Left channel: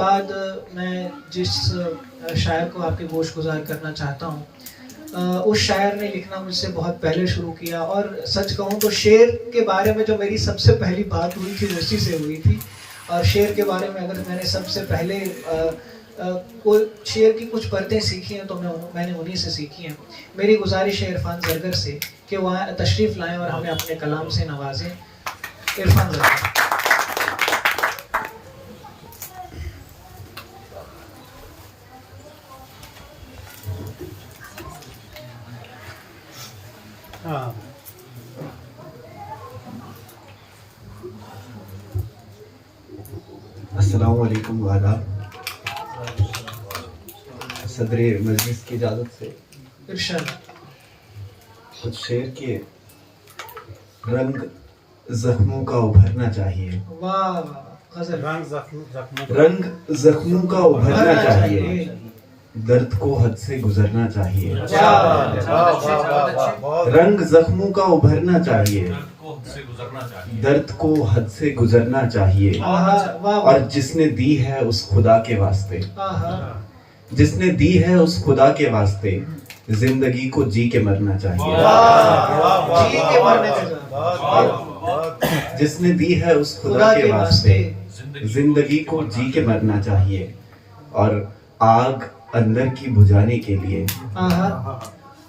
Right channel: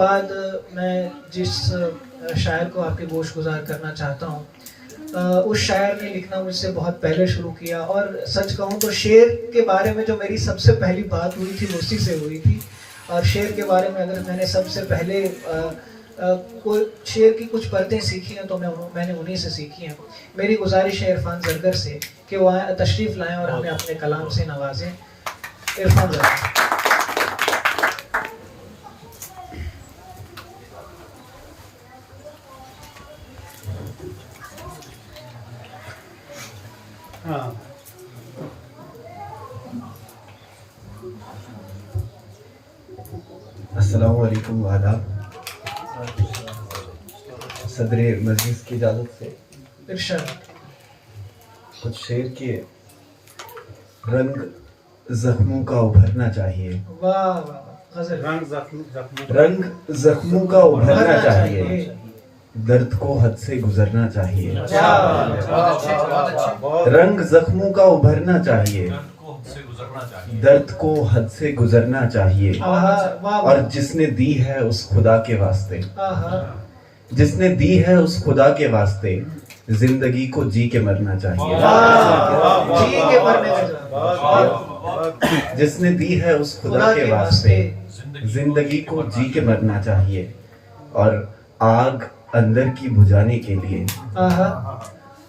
बाद मैं जिस शायर को आपके गोश गुजार करना चाहता हूँ, उस शायर ने लिखना मुझसे बहुत पहले शुरू किया। और सच कहूँ तो शेर के बारे में जो मेरी सबसे पहली बात हुई थी उसी से हुई थी। और शेर के बारे में अगर मैंने सबसे पहले कोई शेर की कुछ परतें सीखी हैं तो मैंने उन्हीं से सीखी हैं। मेरी गुजारिश है इरफान ज़रगर से कि वो तशरीफ़ लाएँ और हमें अपने कलाम से नवाजें। इरफान ज़रगर। अस्सलामु अलैकुम वादाब। सदरे मजलिस की इजाज़त से इरशाद। कुछ शेर के रंग जख्मों का उभरना चाहिए। वाह वाह, गजल। रंग जख्मों का उभरना चाहिए, दर्द को हद से गुजरना चाहिए। रंग जख्मों का उभरना चाहिए, दर्द को हद से गुजरना चाहिए। और जिसने दी है उस खुदा के वास्ते, जिसने दी है उस खुदा के वास्ते, जिंदगी को जी के मरना चाहिए। जी के मरने का जिसने दी है उस खुदा के वास्ते, जिंदगी को जी के मरना चाहिए। और आग अंदर की बुझाने के लिए,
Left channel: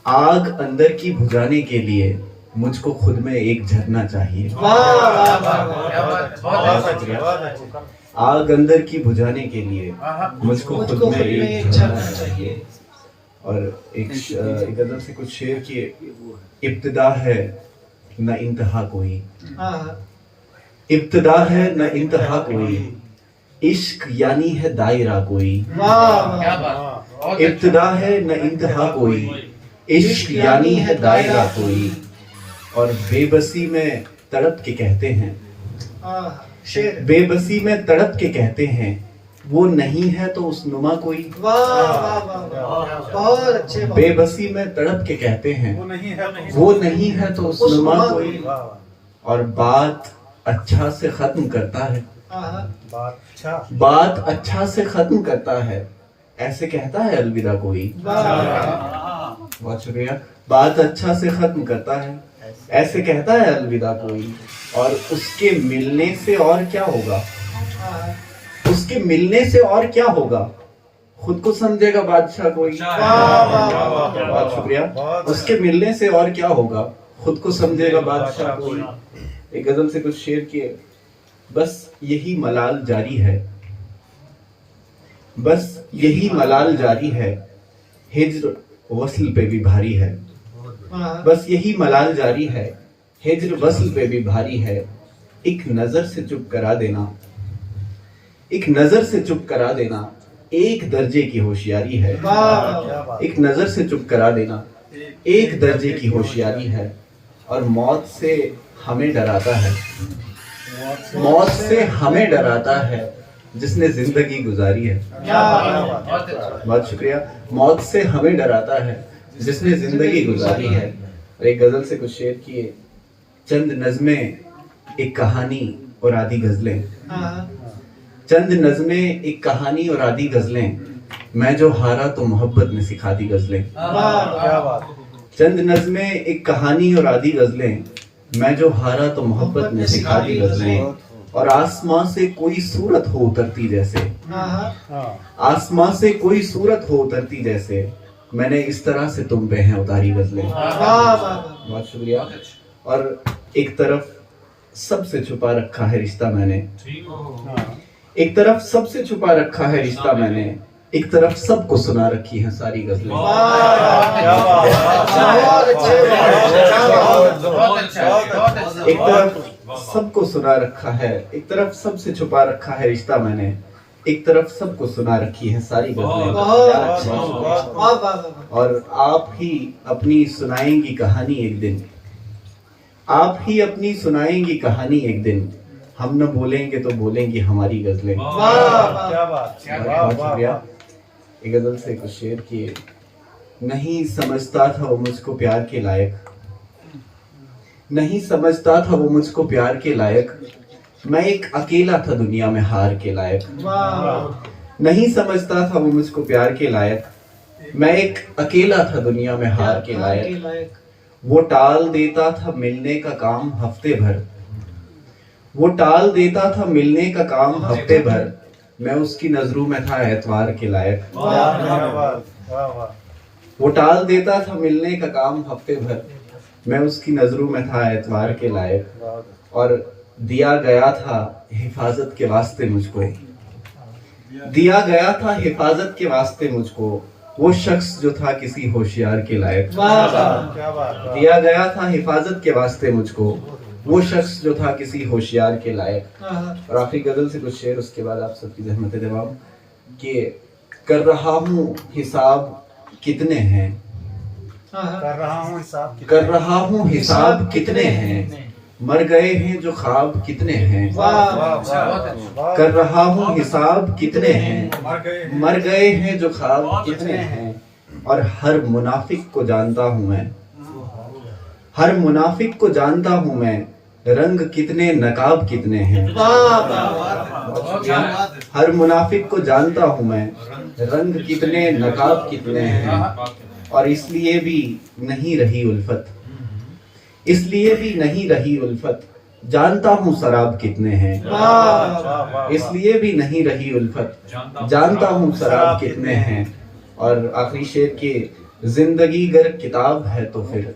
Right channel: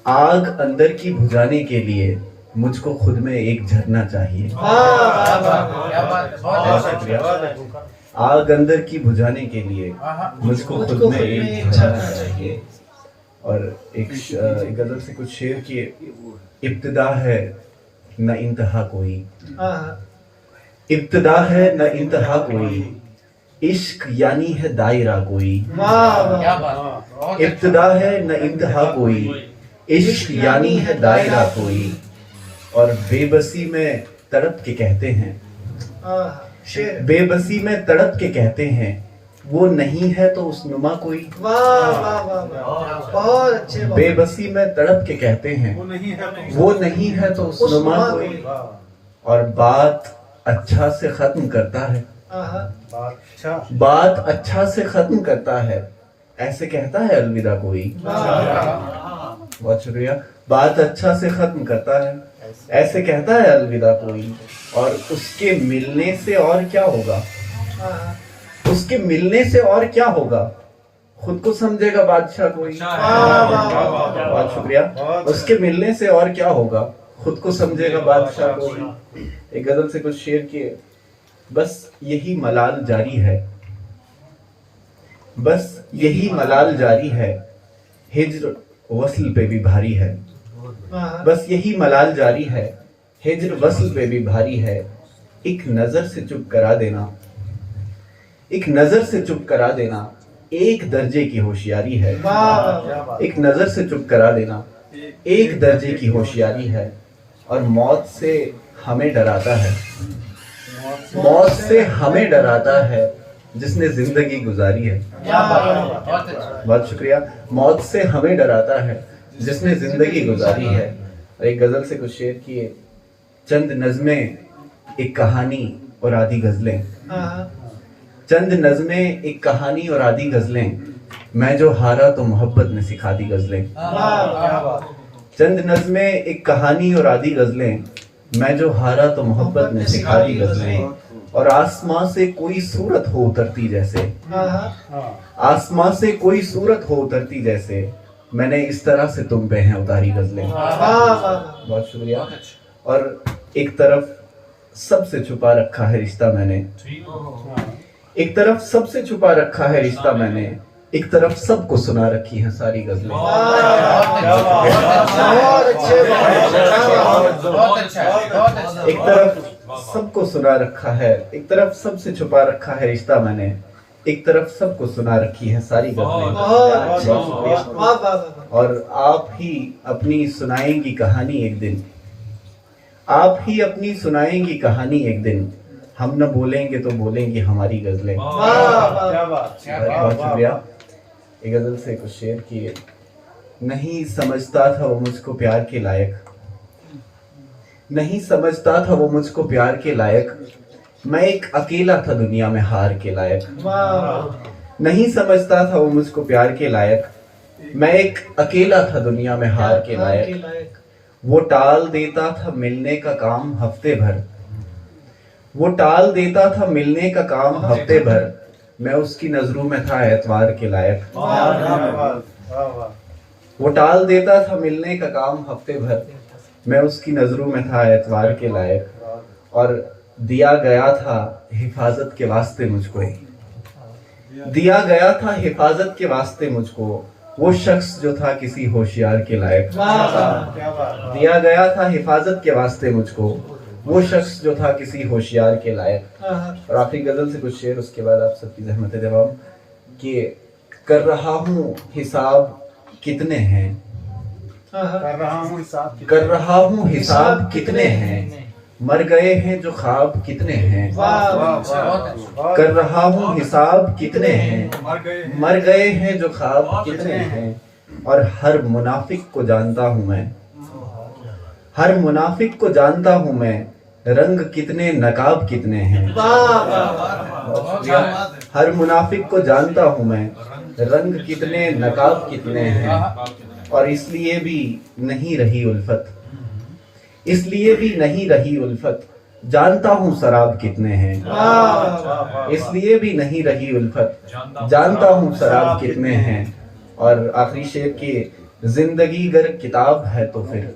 आग अंदर की बुझाने के लिए मुझको खुद में एक झरना चाहिए। बहुत शुक्रिया। आग अंदर की बुझाने के लिए मुझको खुद में एक झरना चाहिए। और एक गजल से कुछ शेर की इब्तिदा है न इंतहा कोई, इब्तिदा है न इंतहा कोई, इश्क यानी है दायरा कोई। इब्तिदा है न इंतहा कोई, इश्क यानी है दायरा कोई। और बेबसी में तड़प के कहते हैं, बेबसी में तड़प के कहते हैं, वो नहीं है तो उस नुमा कोई। बहुत अच्छे। बेबसी में तड़प के कहते हैं, वो नहीं है तो उस नुमा कोई। और बात अच्छा से खत्म करता है, बात अच्छा से खत्म करता है, ऐसे कहता है अलविदा कोई। बहुत शुक्रिया। बात अच्छा से खत्म करता है, ऐसे कहता है अलविदा कोई। और उसके मिलने से और क्या होगा, उसके मिलने से और क्या होगा, खुद को समझेगा बादशाह कोई। बहुत शुक्रिया। उसके मिलने से और क्या होगा, खुद को समझेगा बादशाह कोई। एक गजल से कुछ शेर किए। बस यही मलाल जारी है, बस यही मलाल जारी है, हिज्र वस्ल पे भी भारी है। बस यही मलाल जारी है, हिज्र वस्ल पे भी भारी है। एक नजर से चुप करा देना, एक नजर से चुप करा देना, एक दर्जे की होशियारी है। एक नजर से चुप करा देना, एक दर्जे की होशियारी है। और मौत से हमें डराता है, मौत से हमें डराता है, जिसने जिंदगी गुजारी है। बहुत शुक्रिया। मौत से हमें डराता है, जिसने जिंदगी गुजारी है। और एक गजल से कुछ शेर किए। चंद नज़में एक कहानी और आधी गजलें, चंद नज़में एक कहानी और आधी गजलें, मैं जो हारा तो मोहब्बत ने सिखा दी गजलें। चंद नज़में एक कहानी और आधी गजलें, मैं जो हारा तो मोहब्बत ने सिखा दी गजलें। और आसमां से कोई सूरत हो उतरती जैसे, आसमां से कोई सूरत हो उतरती जैसे, मैंने इस तरह से तुम पे हैं उतारी गजलें। बहुत शुक्रिया। और एक तरफ सबसे छुपा रखा है रिश्ता मैंने, एक तरफ सबसे छुपा रखा है रिश्ता मैंने, एक तरफ सबको सुना रखी हैं सारी गजलें। एक तरफ सबको सुना रखा है, एक तरफ सबसे छुपा रखा है रिश्ता मैंने, एक तरफ सबको सुना रखी है सारी गजलें। और आप ही अपनी सुनाएंगी कहानी एक दिन, आप ही अपनी सुनाएंगी कहानी एक दिन, हम न बोलेंगे तो बोलेंगी हमारी गजलें। बहुत शुक्रिया। एक गजल से कुछ शेर किए। नहीं समझता था वो मुझको प्यार के लायक, नहीं समझता था वो मुझको प्यार के लायक, मैं एक अकेला था दुनिया में हार के लायक। नहीं समझता था वो मुझको प्यार के लायक, मैं एक अकेला था दुनिया में हार के लायक। वो टाल देता था मिलने का काम हफ्ते भर, वो टाल देता था मिलने का काम हफ्ते भर, मैं उसकी नजरों में था एतवार के लायक। वो टाल देता था मिलने का काम हफ्ते भर, मैं उसकी नजरों में था एतवार के लायक। और दिया गया था हिफाजत के वास्ते मुझको, दिया गया था हिफाजत के वास्ते मुझको, वो शख्स जो था किसी होशियार के लायक। दिया गया था हिफाजत के वास्ते मुझको, वो शख्स जो था किसी होशियार के लायक। और आखिरी गजल से कुछ शेर, उसके बाद आप सबकी ज़हमत जवाब कि कर रहा हूँ हिसाब कितने हैं, कर रहा हूँ हिसाब कितने हैं, मर गए हैं जो ख्वाब कितने हैं। कर रहा हूँ हिसाब कितने हैं, मर गए हैं जो ख्वाब कितने हैं। और हर मुनाफिक को जानता हूँ मैं, हर मुनाफिक को जानता हूँ मैं, रंग कितने नकाब कितने हैं। हर मुनाफिक को जानता हूँ मैं, रंग कितने नकाब कितने हैं। और इसलिए भी नहीं रही उल्फत, इसलिए भी नहीं रही उल्फत, जानता हूँ शराब कितने हैं। इसलिए भी नहीं रही उल्फत, जानता हूँ शराब कितने हैं। और आखिरी शेर की, जिंदगी गर किताब है तो फिर,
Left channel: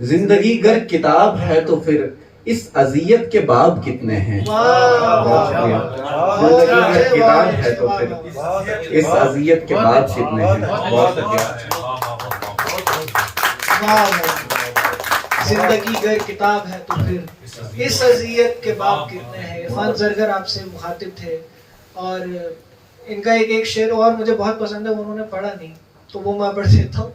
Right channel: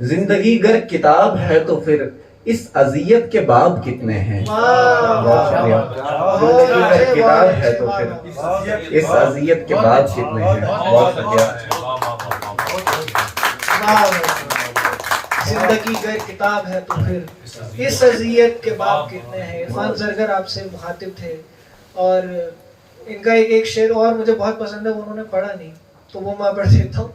जिंदगी गर किताब है तो फिर, इस अजियत के बाब कितने हैं। बहुत शुक्रिया। जिंदगी गर किताब है तो फिर, इस अजियत के बाब कितने हैं। बहुत शुक्रिया। जिंदगी गर किताब है तो फिर इस अजियत के बाब कितने हैं। इरफान ज़रगर आपसे मुखातिब थे और इनका एक शेर और मुझे बहुत पसंद है, वो उन्होंने पढ़ा नहीं तो वो मैं पढ़ देता हूँ।